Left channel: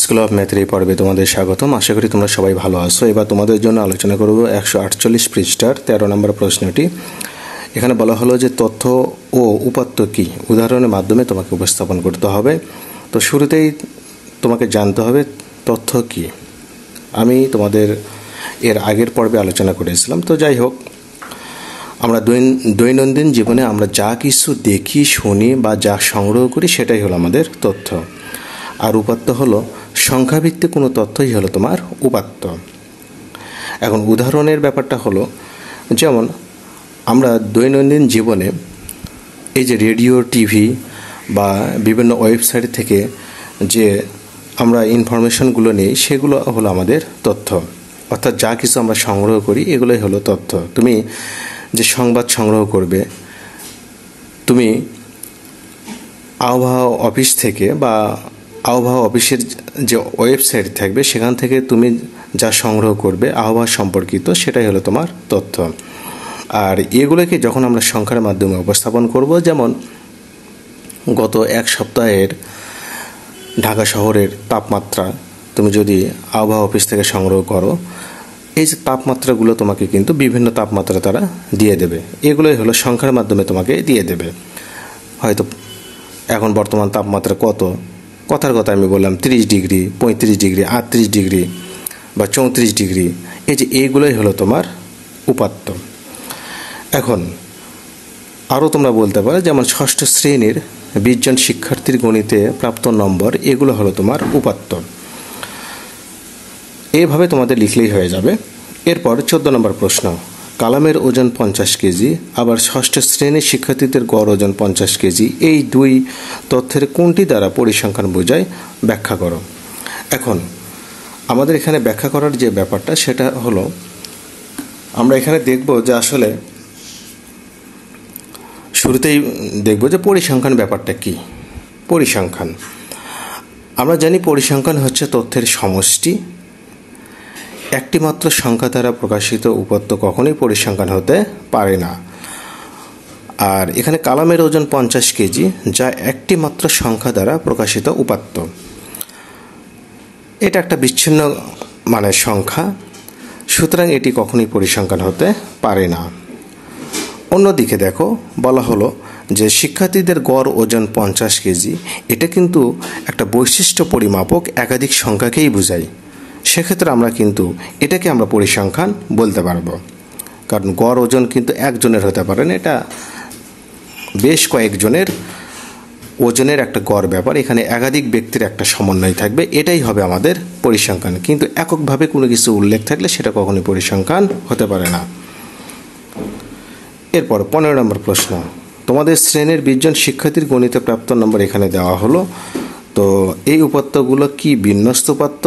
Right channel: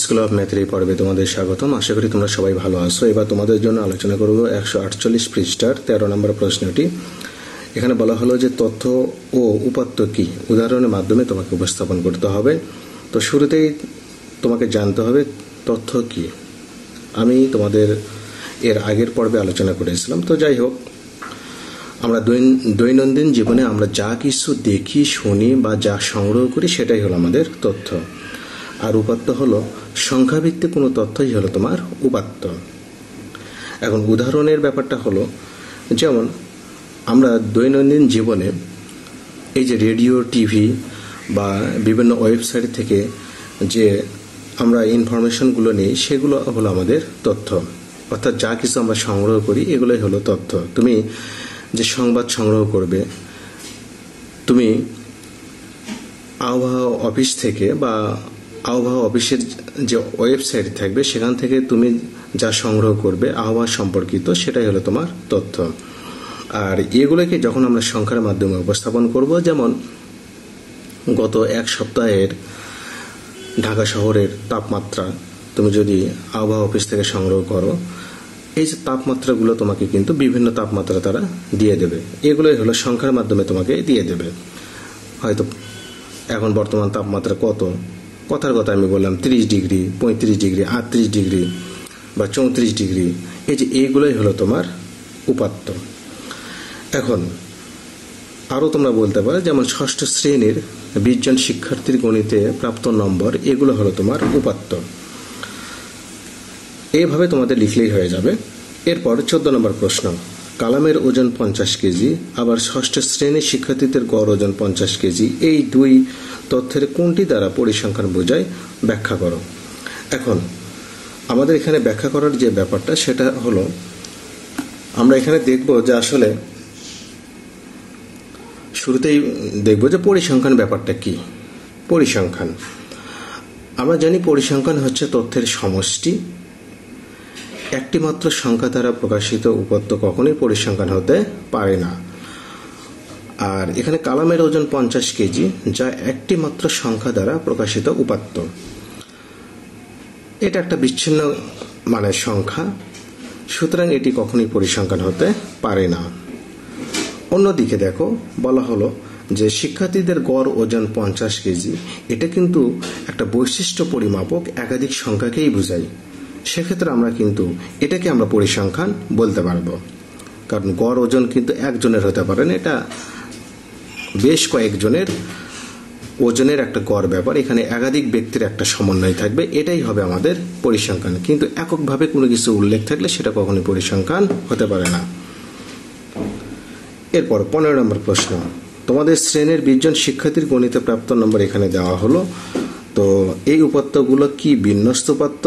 School of ম্যাথের এই পর্বে তোমাদের স্বাগতম। আশা করি তোমরা সবাই ভালো আছো। এবার তোমাদের জন্য আলোচনা করব 148 পৃষ্ঠার 13 নম্বর প্রশ্নটি। এখানে বলা হলো যে তথ্য ও উপাত্ত কি, উদাহরণের মাধ্যমে তোমাকে উপস্থাপন করতে হবে। তো শুরুতেই তোমাকে জানতে হবে তথ্য কি। আমি তোমাদের এর আগের পর্বে আলোচনা করেছিলাম। তো যাই হোক, আমরা দৈনন্দিন জীবনে আমরা যা কিছু দেখি, শুনি বা যা সংগ্রহ করি সেটাই হলো আমাদের তথ্য। আর উপাত্ত হলো সংখ্যাভিত্তিক কোনো তথ্যই হলো তোমার উপাত্ত। এখন উদাহরণের ব্যাপারটা হলো, যেমন আমরা দৈনন্দিন জীবনে এই যে রেডিও, টিভি বা বিভিন্ন ওয়েবসাইট থেকে যে আমরা ইনফরমেশনগুলো নিই, সেগুলো হলো আমাদের তথ্য। অর্থাৎ যা কিছু আমরা সংগ্রহ করি এগুলোই হলো তথ্য। তুমি যে সংবাদ সংগ্রহ করবে, তুমি আবহাওয়া অফিস থেকে বা আবহাওয়া অফিসের যে ওয়েবসাইট থাকবে সেখান থেকে তুমি যা সংগ্রহ করবে আবহাওয়া সম্পর্কিত, সেটাই হলো তোমার তথ্য। আর এগুলোকে যখন আমরা সংখ্যার মাধ্যমে উপস্থাপন করব, যেমন গত এক সপ্তাহের ঢাকা শহরের তাপমাত্রা তুমি যদি আবহাওয়া অফিস থেকে সংগ্রহ করো, এই যে তাপমাত্রাগুলো তোমাকে কিন্তু বিভিন্ন তাপমাত্রা তারা দিয়ে দেবে। এগুলোই হলো সংখ্যার মাধ্যমে তোমাকে দিয়ে দেবে। হয়তো এখন বর্তমান তাপমাত্রা কত, কথার কথা আমি বললাম 30 ডিগ্রি, 35 ডিগ্রি, 38 ডিগ্রি বা 34 ডিগ্রি, এই যে এইগুলোই হলো তোমার উপাত্ত। এখন আরও তোমরা বলতে পারো, যেমন ষষ্ঠ শ্রেণীর 20 জন শিক্ষার্থীর গণিতে প্রাপ্ত নম্বর, এগুলো হলো তোমার উপাত্ত। এইভাবে তোমাদের লিখলেই হয়ে যাবে। এরপর 14 নম্বর প্রশ্ন, কালামের ওজন 50 কেজি, আবার ষষ্ঠ শ্রেণীর শিক্ষার্থীদের গড় ওজন 50 কেজি, এই দুই তথ্যের কোনটি দ্বারা পরিসংখ্যান বোঝায়, ব্যাখ্যা করো। এখন আমাদের এখানে ব্যাখ্যা করার যে ব্যাপারটা, সেটা হলো আমরা এখানে দেখব যে আসলে শুরুতেই দেখব যে পরিসংখ্যান ব্যাপারটা কি। পরিসংখ্যান, আমরা জানি পরিসংখ্যান হচ্ছে তথ্যের সমষ্টি। একটি মাত্র সংখ্যা দ্বারা প্রকাশিত উপাত্ত কখনোই পরিসংখ্যান হতে পারে না। আর এখানে কালামের ওজন 50 কেজি, যা একটি মাত্র সংখ্যা দ্বারা প্রকাশিত উপাত্ত। এটা একটা বিচ্ছিন্ন মানের সংখ্যা, সুতরাং এটি কখনোই পরিসংখ্যান হতে পারে না। অন্যদিকে দেখো, বলা হলো যে শিক্ষার্থীদের গড় ওজন 50 কেজি, এটা কিন্তু একটা বৈশিষ্ট্য পরিমাপক, একাধিক সংখ্যাকেই বোঝায়। সেক্ষেত্রে আমরা কিন্তু এটাকে আমরা পরিসংখ্যান বলতে পারবো, কারণ গড় ওজন কিন্তু একজনের হতে পারে না, এটা বেশ কয়েকজনের ওজনের একটা গড় ব্যাপার। এখানে একাধিক ব্যক্তির একটা সমন্বয় থাকবে, এটাই হবে আমাদের পরিসংখ্যান। কিন্তু এককভাবে কোনো কিছু উল্লেখ থাকলে সেটা কখনোই পরিসংখ্যান হতে পারে না। এরপর 15 নম্বর প্রশ্ন, তোমাদের শ্রেণীর 20 জন শিক্ষার্থীর গণিতে প্রাপ্ত নম্বর এখানে দেওয়া হলো। তো এই উপাত্তগুলো কি বিন্যস্ত উপাত্ত,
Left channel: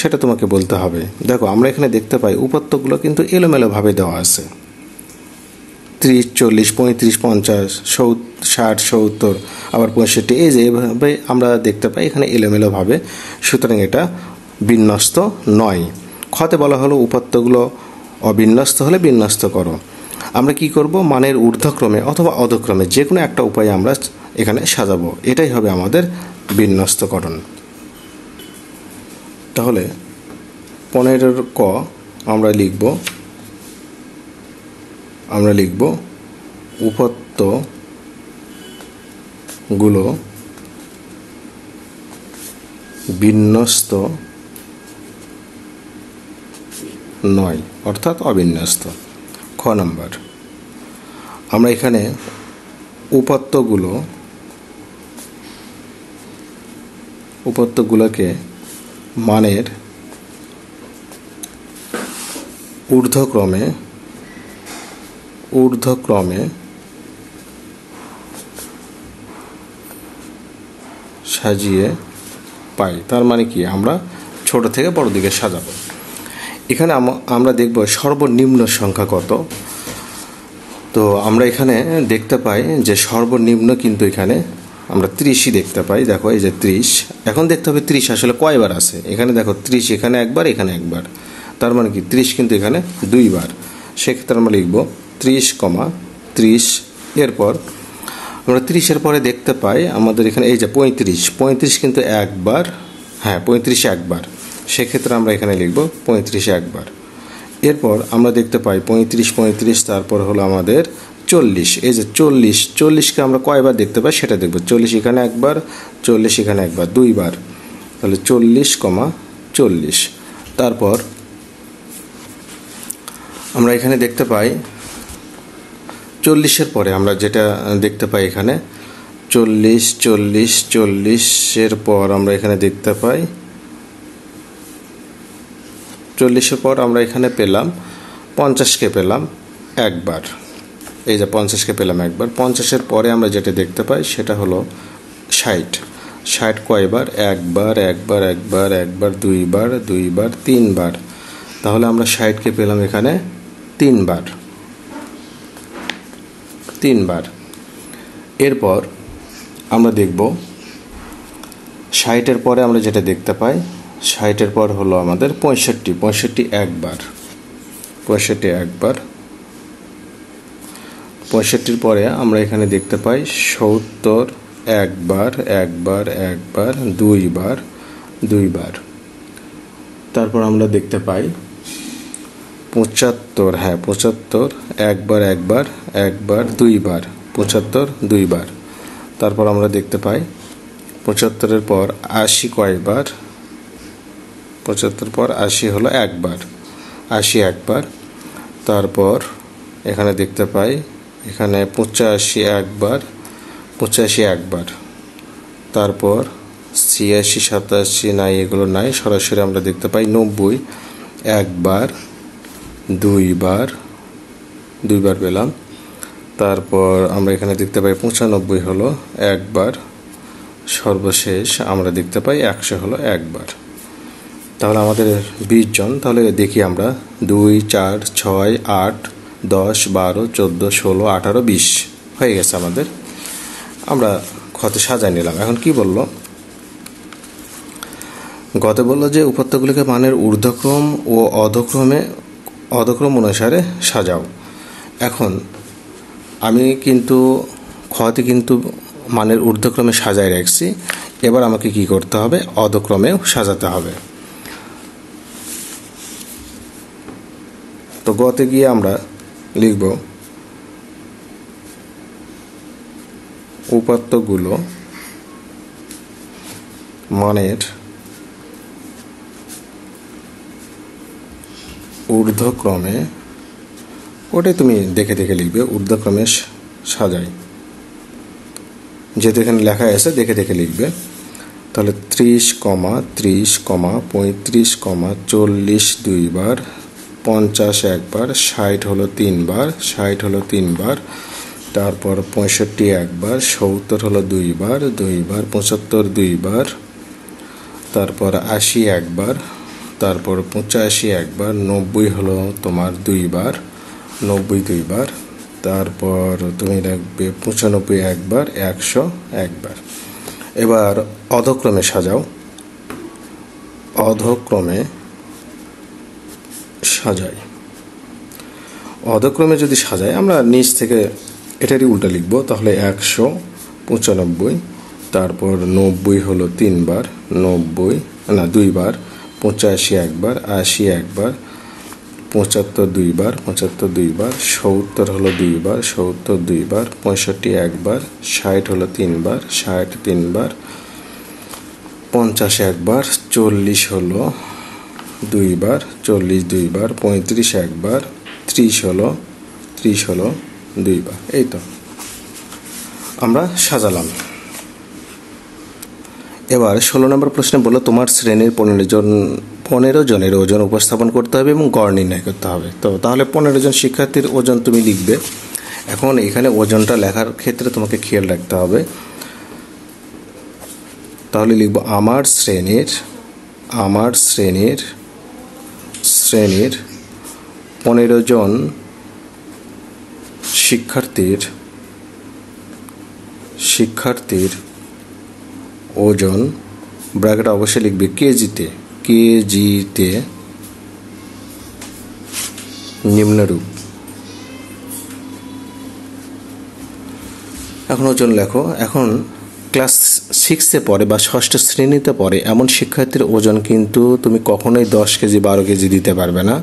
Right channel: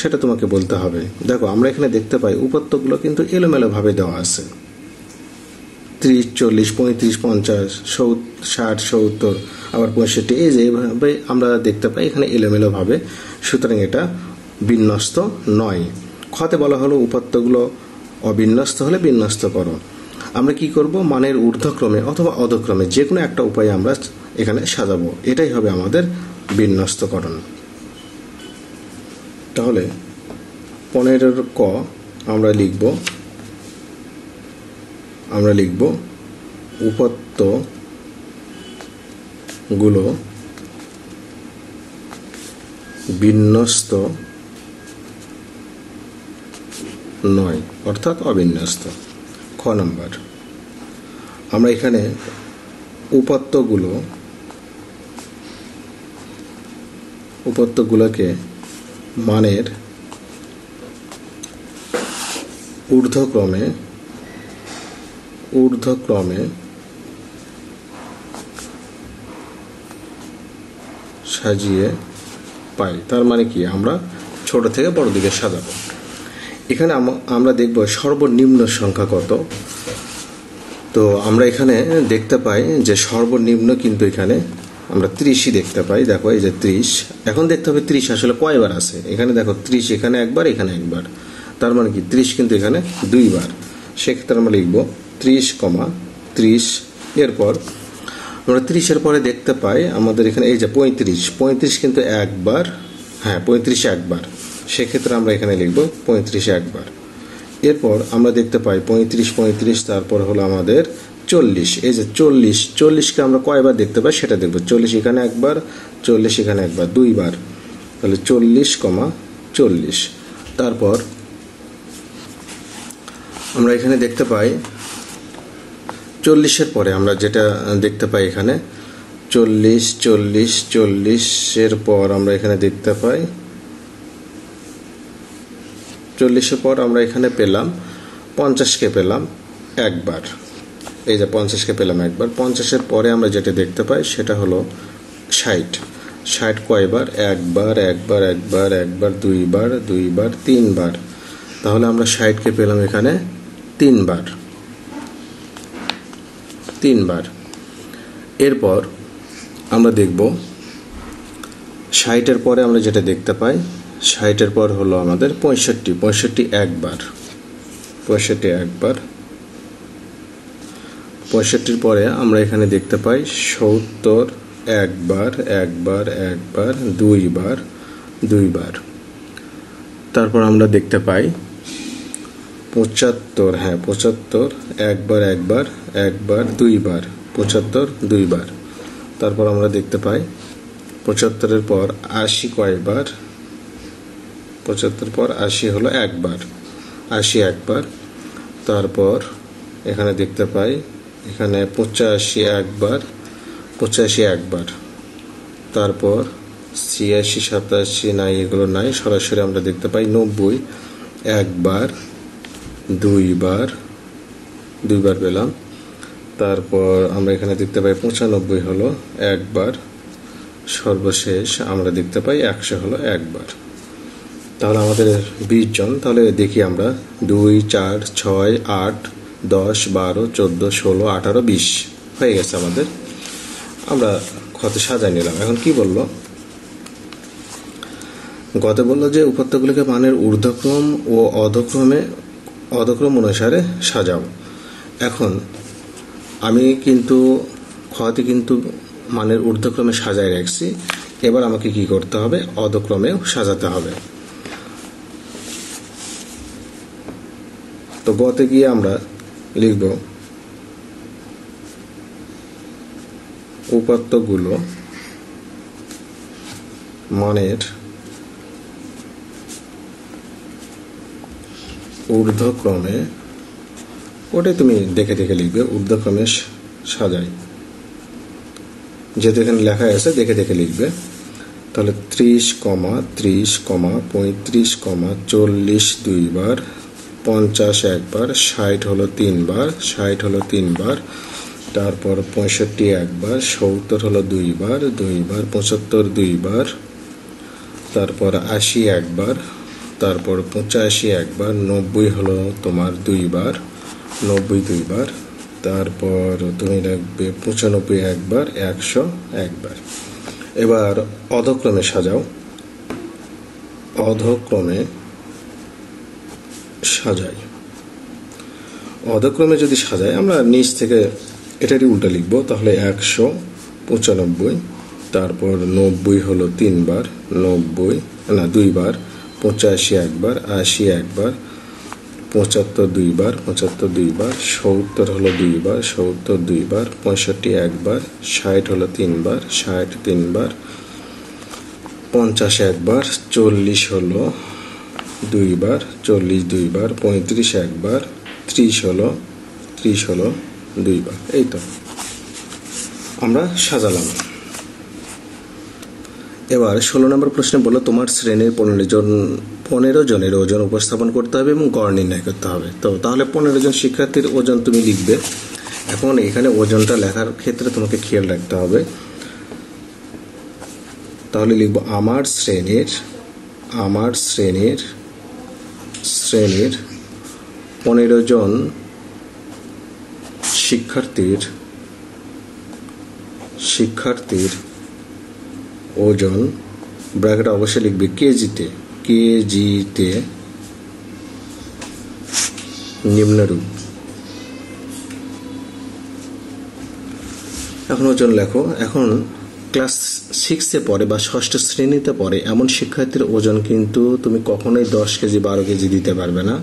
সেটা তোমাকে বলতে হবে। দেখো, আমরা এখানে দেখতে পাই উপাত্তগুলো কিন্তু এলোমেলোভাবে দেওয়া আছে। 30, 40, 35, 50, 60, 70, আবার 65, এই যে এইভাবে আমরা দেখতে পাই এখানে এলোমেলোভাবে। সুতরাং এটা বিন্যস্ত নয়। খতে বলা হলো উপাত্তগুলো অবিন্যস্ত হলে বিন্যস্ত করো। আমরা কি করব, মানের ঊর্ধ্বক্রমে অথবা অধক্রমে যে কোনো একটা উপায়ে আমরা এখানে সাজাবো, এটাই হবে আমাদের বিন্যস্তকরণ। তাহলে 15 ক আমরা লিখব উপাত্তগুলো বিন্যস্ত নয়, অর্থাৎ অবিন্যস্ত। খ নম্বর, আমরা এখানে উপাত্তগুলোকে মানের ঊর্ধ্বক্রমে সাজিয়ে পাই। তার মানে কি, আমরা ছোট থেকে বড় দিকে সাজাবো। এখানে আমরা দেখব সর্বনিম্ন সংখ্যা কত। তো আমরা এখানে দেখতে পাই যে সর্বনিম্ন কিন্তু এখানে আমরা 30ই দেখতে পাই। দেখো, এই যে 30, এখন দেখতে হবে 30 আসলে কয়বার আছে। এখানে দেখো 30 এখানে একবার, এখানে একবার, তার মানে কি 30 কিন্তু এখানে 2 বার। সেক্ষেত্রে আমরা লিখব 30, এরপর আমরা 30-এর পরে দেখতে পাই আমাদের এখানে এই যে 35 কিন্তু একবার হ্যাঁ 35 একবার, সেক্ষেত্রে আমরা এখানে লিখব 35 একবার। এরপর আমরা দেখতে পাই 35, তারপর হলো আমাদের 40। এই যে 40কে আমরা কয়বার দেখতে পাই সেটা দেখব। 40 এখানে একবার, 40 এখানে একবার, দুইবার, তাহলে 40,40। তারপর আমরা এখানে দেখতে পাই 40-এর পরে আমরা যেটা দেখতে পাই এখানে 40-40-40-এর পর আমরা এখানে দেখতে পাই 40-এর পর আমরা এখানে পেলাম 50-কে পেলাম একবার। এই যে 50-কে পেলাম একবার। 50-এর পরে আমরা যেটা দেখতে পাই সেটা হলো 60 কয়বার? একবার, একবার, একবার, একবার, দুইবার, দুইবার, তিনবার। তাহলে আমরা 60-কে পেলাম এখানে তিনবার। এরপর আমরা দেখব 60-এর পরে আমরা যেটা দেখতে পাই 60-এর পর হলো আমাদের 65 একবার। 65 একবার। 65-র পরে আমরা এখানে দেখতে পাই 70 একবার, একবার, একবার, দুইবার, দুইবার। তারপর আমরা দেখতে পাই 75, হ্যাঁ 75 একবার, একবার, একবার, দুইবার, 75 দুইবার। তারপর আমরা দেখতে পাই 75-এর পর 80 কয়বার? 75 পর 80 হলো একবার, 80 একবার। তারপর এখানে দেখতে পাই এখানে 85 একবার, 85 একবার। তারপর 86, 87 নাই, এগুলো নাই, সরাসরি আমরা দেখতে পাই 90 একবার, দুইবার, দুইবার পেলাম। তারপর আমরা এখানে দেখতে পাই 95 হলো একবার। সর্বশেষ আমরা দেখতে পাই 100 হলো একবার। তাহলে আমাদের 20 জন। তাহলে দেখি আমরা 2, 4, 6, 8, 10, 12, 14, 16, 18, 20 হয়ে গেছে আমাদের। আমরা ক্ষতে সাজায় নিলাম। এখন কি বললো? গতে বললো যে উপাত্তগুলিকে মানের ঊর্ধ্বক্রম ও অধক্রম অনুসারে সাজাও। এখন আমি কিন্তু ক্ষতে কিন্তু মানের ঊর্ধ্বক্রমে সাজায় রাখছি। এবার আমাকে কি করতে হবে? অধক্রমেও সাজাতে হবে। তো গতে গিয়ে আমরা লিখব উপাত্তগুলো মানের ঊর্ধ্বক্রমে, ওটাই তুমি দেখে দেখে লিখবে, ঊর্ধ্বক্রমে সাজাই, যেহেতু এখানে লেখা আছে দেখে দেখে লিখবে। তাহলে 30, 30, 35, 40 দুইবার, 50 একবার, 60 হলো তিনবার, 60 হলো তিনবার। তারপর 65 একবার, 70 হলো দুইবার, দুইবার, 75 দুইবার। তারপর 80 একবার, তারপর 85 একবার, 90 হলো তোমার দুইবার, 90 দুইবার। তারপর তুমি রাখবে 95 একবার, 100 একবার। এবার অধক্রমে সাজাও। অধক্রমে সাজাই। অধক্রমে যদি সাজাই আমরা নিচ থেকে এটারই উল্টা লিখবো। তাহলে 195, তারপর 90 হলো তিনবার, 90 না দুইবার, 85 একবার, 80 একবার, 75 দুইবার, 75 দুইবার, 70 হলো দুইবার, 70 দুইবার, 65 একবার, 60 হলো তিনবার, 60 তিনবার, 50 একবার, 40 হলো দুইবার, 40 দুইবার, 35 একবার, 30 হলো দুইবার। এই তো আমরা সাজালাম। এবার 16 নম্বর প্রশ্নে বললো তোমার শ্রেণীর 15 জনের ওজন উপস্থাপন করতে হবে এবং গড় নির্ণয় করতে হবে। তো তাহলে 15 জন শিক্ষার্থীর ওজন তুমি লিখবে। এখন এখানে ওজনটা লেখার ক্ষেত্রে তোমাকে খেয়াল রাখতে হবে। তাহলে লিখবো আমার শ্রেণীর 15 জন শিক্ষার্থীর ওজন, ব্র্যাকেট অবশ্যই লিখবে কেজিতে নিম্নরূপ। এখন ওজন লেখো। এখন ক্লাস 6-এ পড়ে বা ষষ্ঠ শ্রেণীতে পড়ে এমন শিক্ষার্থীর ওজন কিন্তু তুমি কখনোই 10 কেজি 12 কেজি দিতে পারবে না।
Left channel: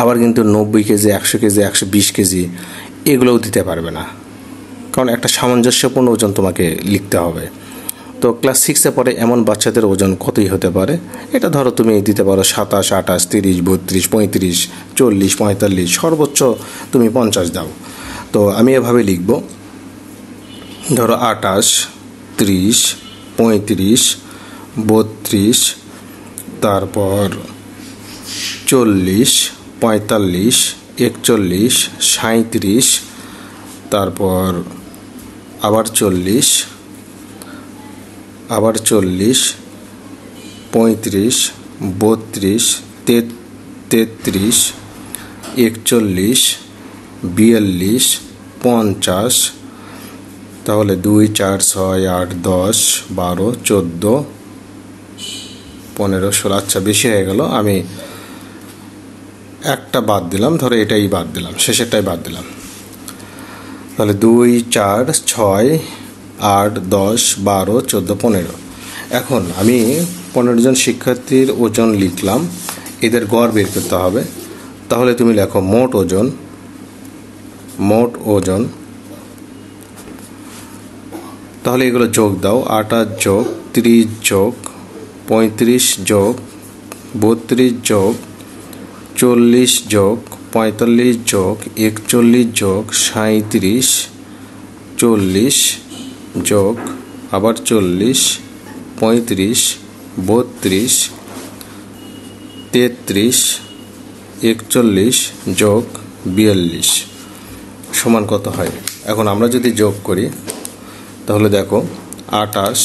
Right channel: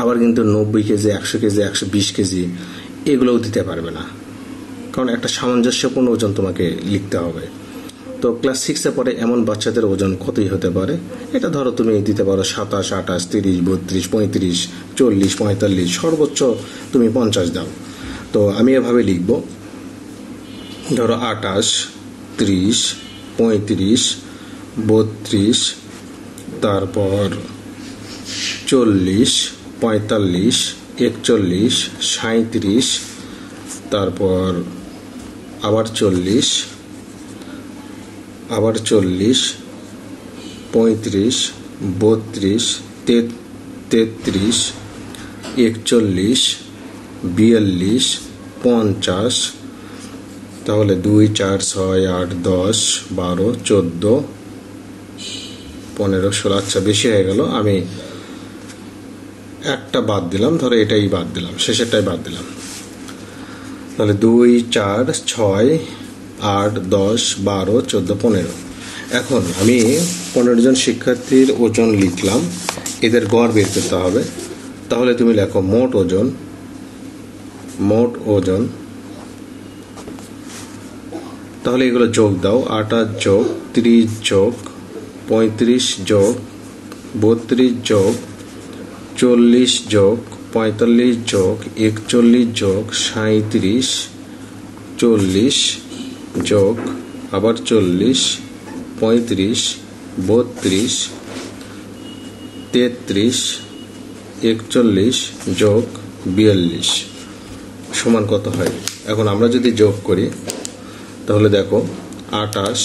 আবার কিন্তু 90 কেজি 100 কেজি 120 কেজি এগুলোও দিতে পারবে না, কারণ একটা সামঞ্জস্যপূর্ণ ওজন তোমাকে লিখতে হবে। তো ক্লাস 6-এ পড়ে এমন বাচ্চাদের ওজন কতই হতে পারে, এটা ধরো তুমি দিতে পারো 27, 28, 30, 32, 35, 40, 45, সর্বোচ্চ তুমি 50 দাও। তো আমি এভাবে লিখব, ধরো 28, 30, 35, 32, তারপর 40, 45, 41, 37, তারপর আবার 40, আবার 40, 35, 32, 33, 41, 42, 50, তাহলে 2, 4, 6, 8, 10, 12, 14, 15, 16। আচ্ছা, বেশি হয়ে গেল, আমি একটা বাদ দিলাম, ধরো এটাই বাদ দিলাম, শেষেরটাই বাদ দিলাম। তাহলে 2, 4, 6, 8, 10, 12, 14, 15। এখন আমি 15 জন শিক্ষার্থীর ওজন লিখলাম, এদের গড় বের করতে হবে। তাহলে তুমি লেখো মোট ওজন, মোট ওজন, তাহলে এগুলো যোগ দাও, 28 যোগ 30 যোগ 35 যোগ 32 যোগ 40 যোগ 45 যোগ 41 যোগ 37, 40 যোগ আবার 40, 35, 32, 33, 41 যোগ 42 সমান কত হয়? এখন আমরা যদি যোগ করি তাহলে দেখো 28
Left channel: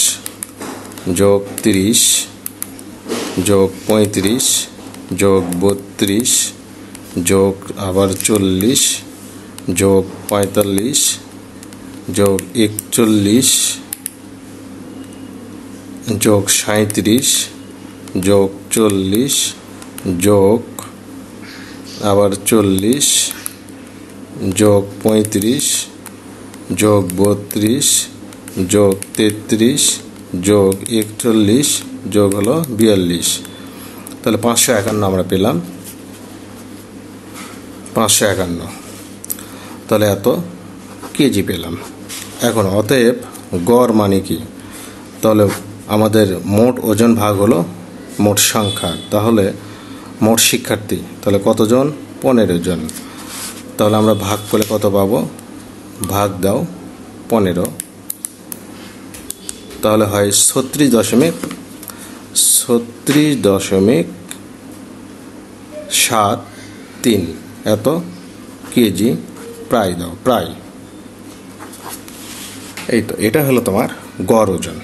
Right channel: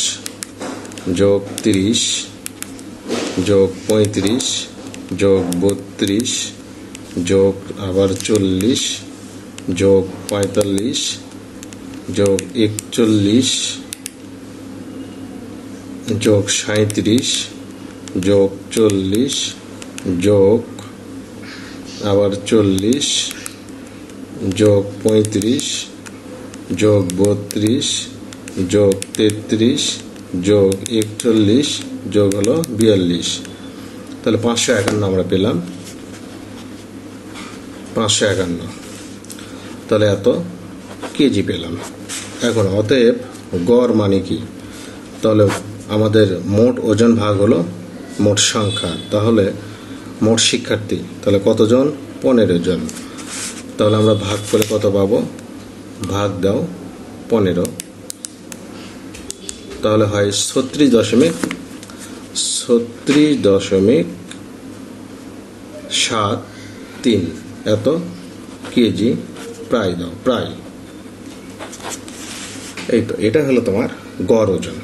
যোগ 30 যোগ 35 যোগ 32 যোগ আবার 40 যোগ 45 যোগ 41 যোগ 37 যোগ 40 যোগ আবার 40 যোগ 35 যোগ 32 যোগ 33 যোগ 41 যোগ হলো 42। তাহলে 551 আমরা পেলাম, 551। তাহলে এত কেজি পেলাম। এখন অতএব গড় মানে কি? তাহলে আমাদের মোট ওজন ভাগ হলো মোট সংখ্যা, তাহলে মোট শিক্ষার্থী, তাহলে কতজন? 15 জন। তাহলে আমরা ভাগ করে কত পাবো? ভাগ দাও 15, তাহলে হয় 36.73 এত কেজি প্রায় দাও, প্রায়। এই তো, এটা হলো তোমার গড় ওজন।